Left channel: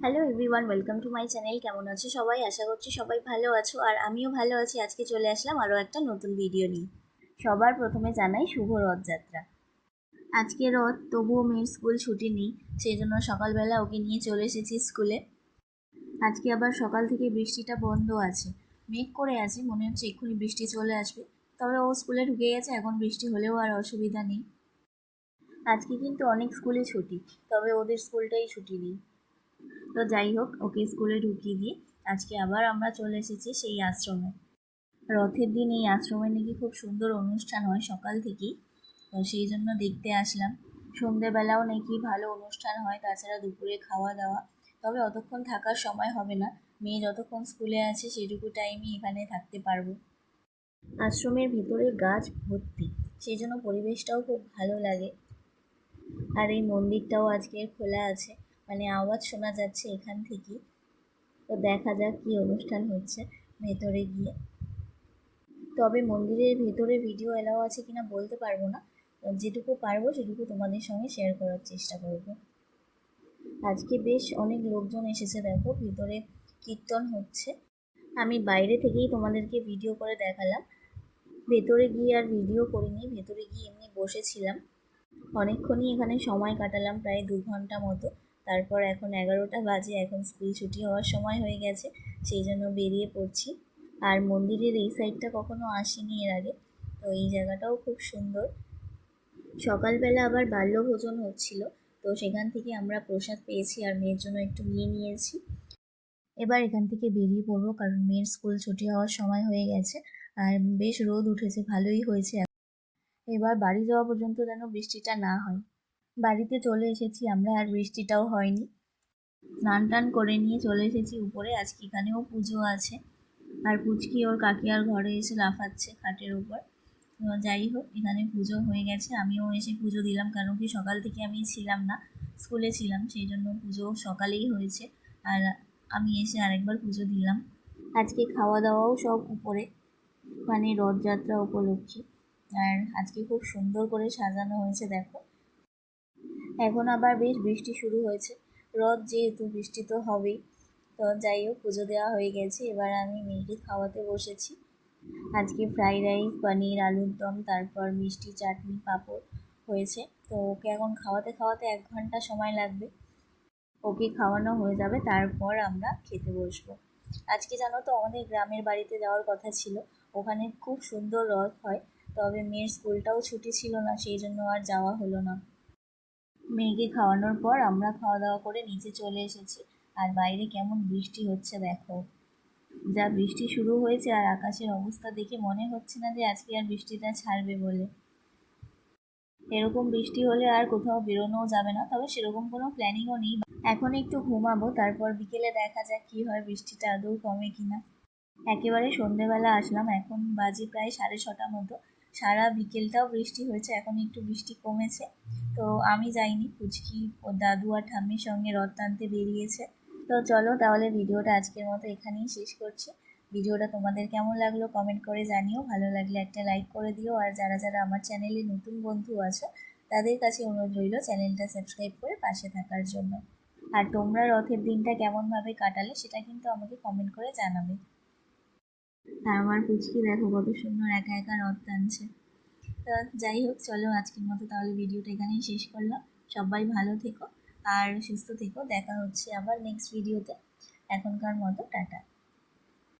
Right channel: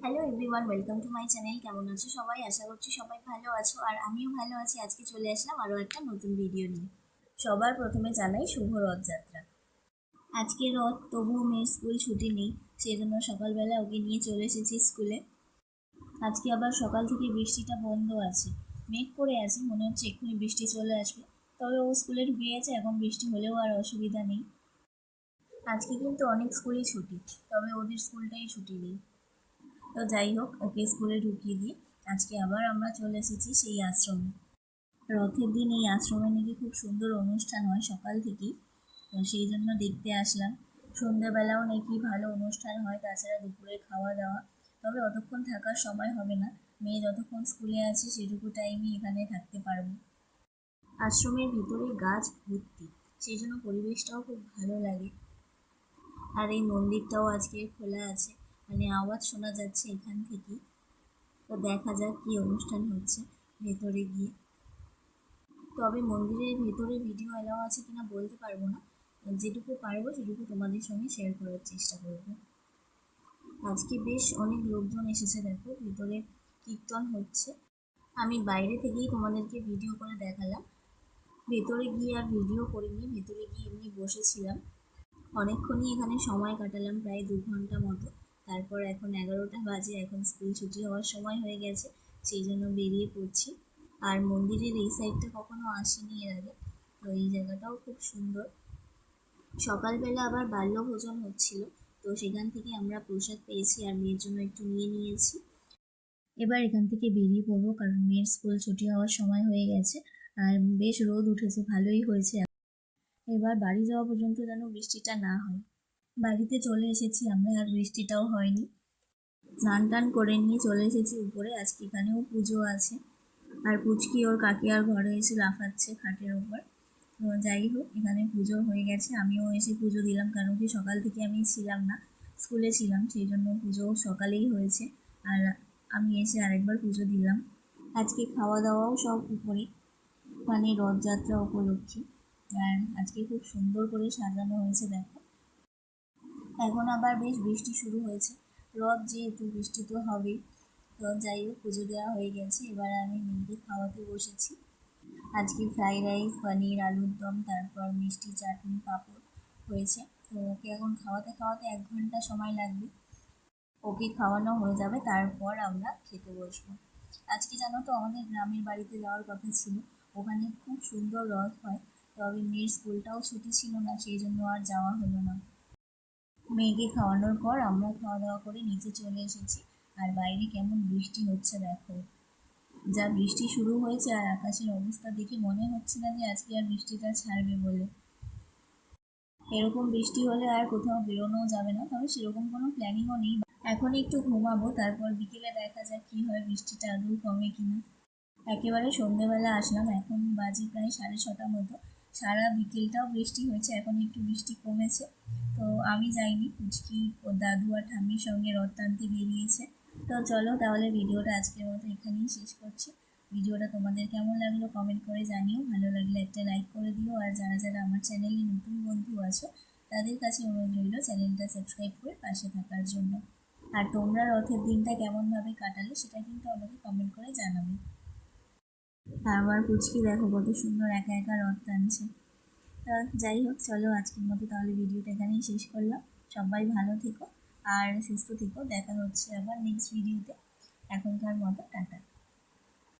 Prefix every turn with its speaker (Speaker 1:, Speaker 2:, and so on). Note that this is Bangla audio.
Speaker 1: Hello everyone welcome to my channel কেমন আছো সবাই? আশা করছি সবাই ভালো আছো। আর আমিও ভালো আছি। আজকে চলে আসলাম আরও একটা নতুন ভিডিও নিয়ে। সবার প্রথমে জানাই শুভ রথযাত্রা। আজকে রথ, তবুও মেয়ের স্কুল ছুটি নেই সেই জন্য সকালবেলা ওকে নিয়ে চলে এসেছি স্কুলে আজকে আবার সকাল থেকে বৃষ্টিটা বন্ধ আছে। মেঘ করে আছে, মনে হচ্ছে এক্ষুনি বৃষ্টি চলে আসবে। তবে ও স্কুলে ঢুকে গেছে, এখন বৃষ্টি হলেও আর অসুবিধা নেই। আজকে কিন্তু অনেক স্কুলে ছুটি, তবে ওদের স্কুলটাই ছুটি নেই। তো যাই হোক, ওকে স্কুলে ঢুকিয়ে দিয়ে আজকে আবার আমরা চলে এসেছি সেই আশ্রমে। রথের দিন এই আশ্রমে নাকি খুব সুন্দর অনুষ্ঠান হয় সকাল থেকেই। তো সেই জন্য দেখতে আসলাম। সন্ধেবেলাও নাকি ভালো অনুষ্ঠান হয়, তাছাড়া দুপুরে খাওয়া দাওয়া। তবে অতক্ষণ থাকার সময় হবে না। মেয়ে যতক্ষণ স্কুলে আছে সেটুকু টাইমই এখানে থাকতে পারব। আশ্রমের ভিতরে গাছ ভর্তি। সেই জন্য পরিবেশটাও খুব ভালো লাগে। আর এই মন্দিরটাও আজকে খোলা আছে। মানে আওয়াজ শোনা যাচ্ছে এখান থেকেই তো দেখা যাক কী অনুষ্ঠান হচ্ছে ভেতরে গিয়ে। তবে মন্দিরের ভেতরে ভিডিও এলাও আছে কিনা বলতে পারব না। যেটুকু পারব সেটুকু তোমাদের সঙ্গে শেয়ার করার চেষ্টা করব। আজকে বেশ অনেক লোকজন এসেছে, দেখো, ভিতরে কীর্তন হচ্ছে। আমি বাইরে থেকেই তোমাদেরকে ভিডিও করে দেখালাম। ভেতরে গিয়ে আর ভিডিও করিনি, ভেতরে গিয়ে এমনি বসেছিলাম। অনেকক্ষণই এখানে সময় কাটালাম, প্রায় দু ঘণ্টা মতো। তারপর এখন এগারোটা বাজে, এখন স্কুল ছুটি হওয়ার সময় হয়ে গেছে, সেই জন্য বেরিয়ে পড়ছি। আর মন্দিরের এই সাইডটা কখনো আসিনি এর আগে, তো এই জায়গাটাও খুব সুন্দর। সকালবেলা আবার বাল্যভোজন হচ্ছিল, তো সেখান থেকে আমরা প্রসাদ পেয়েছি আর মেয়ের জন্য একটু নিয়ে নিয়েছি। এবার এখান থেকে বেরিয়ে পড়ব কারণ মেয়ের স্কুল ছুটি হওয়ার সময় হয়ে গেছে, আর বেশ রোদ উঠেছে, ভালোই হয়েছে। এবার বাড়ি যাওয়া পর্যন্ত যেন বৃষ্টিটা না হয়। বাড়িতে চলে এসেছি আমরা, আর বৃষ্টিটাও হয়নি। স্নান টান করে নিয়ে চলে এসেছি উপরে, আজকে এখানেও পুজো আছে। আর পুচকি ওর কাকিয়ার ঘরে এসে লাফাচ্ছে খাটের উপর। তো যাই হোক, এখানে পুজো হয়ে গেছে। আমিও এসে পুজো দিলাম কারণ কি সকাল থেকে আমি ছিলাম না, স্কুলে ছিলাম, সেই জন্য পুজো সকালেই হয়েছে। আর আমি এসে আরেকবার পুজো দিলাম। আজকে খাওয়া দাওয়াও সব উপরে মানে রথযাত্রা উপলক্ষে। আর আজকে খুব সুন্দর করে সাজানো হয়েছে, দেখো। এখন আবার বেশ বৃষ্টি শুরু হয়েছে। রথ যেহেতু বৃষ্টি তো হবেই, তো যাই হোক, পুজো দেওয়া হয়ে গেছে। এবার আমি মেয়েকে খাওয়াতে বসেছি। আজকে ফ্রাইড রাইস, পনির, আলুর দম, তারপর মিষ্টি চাটনি, পাঁপড় হয়েছে। তো ওকে এখন খাওয়াতে খাওয়াতে এক ঘণ্টা সময় লাগবে। ওকে খাওয়ানো হয়ে যাবে, তারপর আমরা খেতে বসবো। আজকে জানো তো, আমাদের গ্রামের বাড়িতে যাওয়ার কথা ছিল। ওখানে খুব সুন্দর রথ হয়, তবে মেয়ের স্কুলটাও ছুটি ছিল না, সেই জন্য আর যাওয়া হলো না। মেয়েকে খাওয়ানোর পর আমরা খাওয়া দাওয়া করে নিচে চলে এসেছি। আর বাইরে কেমন বৃষ্টি হচ্ছে দেখো। যা বৃষ্টি শুরু হয়েছে আর আকাশের অবস্থা দেখে মনে হচ্ছে না যে আজকে আর বৃষ্টিটা ছাড়বে বলে। এরকম বৃষ্টি হলে আর কোথাও বেরোনোও যাবে না, তবে সেরকম কোনো প্ল্যানিংও নেই। এখন একটু ঘুমাবো, তারপর বিকেলে দেখা যাক কী হয় বৃষ্টিটা আদৌ কমে কিনা। একেবারে সন্ধেবেলা আসলাম, এখন বাজে প্রায় সাড়ে ছটা মতো। সারা বিকেলটাও বৃষ্টি হয়েছে, এখন একটু বৃষ্টি কমেছে। তো আমি যাইনি, পুচকি ও দাদু আর ঠাম্মির সঙ্গে রথ টানতে বেরিয়েছে। তো চলো তাহলে ভিডিওটা আজকের মতো এখানেই শেষ করছি। ভিডিওটা তোমাদের কেমন লাগল কমেন্ট করে জানিও। ভালো লাগলে একটা লাইক করে দিও। আর যারা যারা আমার চ্যানেলে নতুন বন্ধু আছো, তাদের কাছে অনুরোধ রইল চ্যানেলটা সাবস্ক্রাইব করে পাশে থাকার জন্য। আর তোমরা রথের দিনটা কেমনভাবে কাটালে সেটা কিন্তু আমাকে কমেন্ট করে জানাবে। আমার পুচকি দেখো, কত সুন্দর একা একা রথ টানছে। তা যাই হোক, চলো আজকের মতো তাহলে ভিডিওটা এখানেই শেষ করলাম। সবাই ভালো থেকো আর সুস্থ থেকো। দেখা হচ্ছে আবার নেক্সট ভিডিওতে এখনকার মতো, টাটা।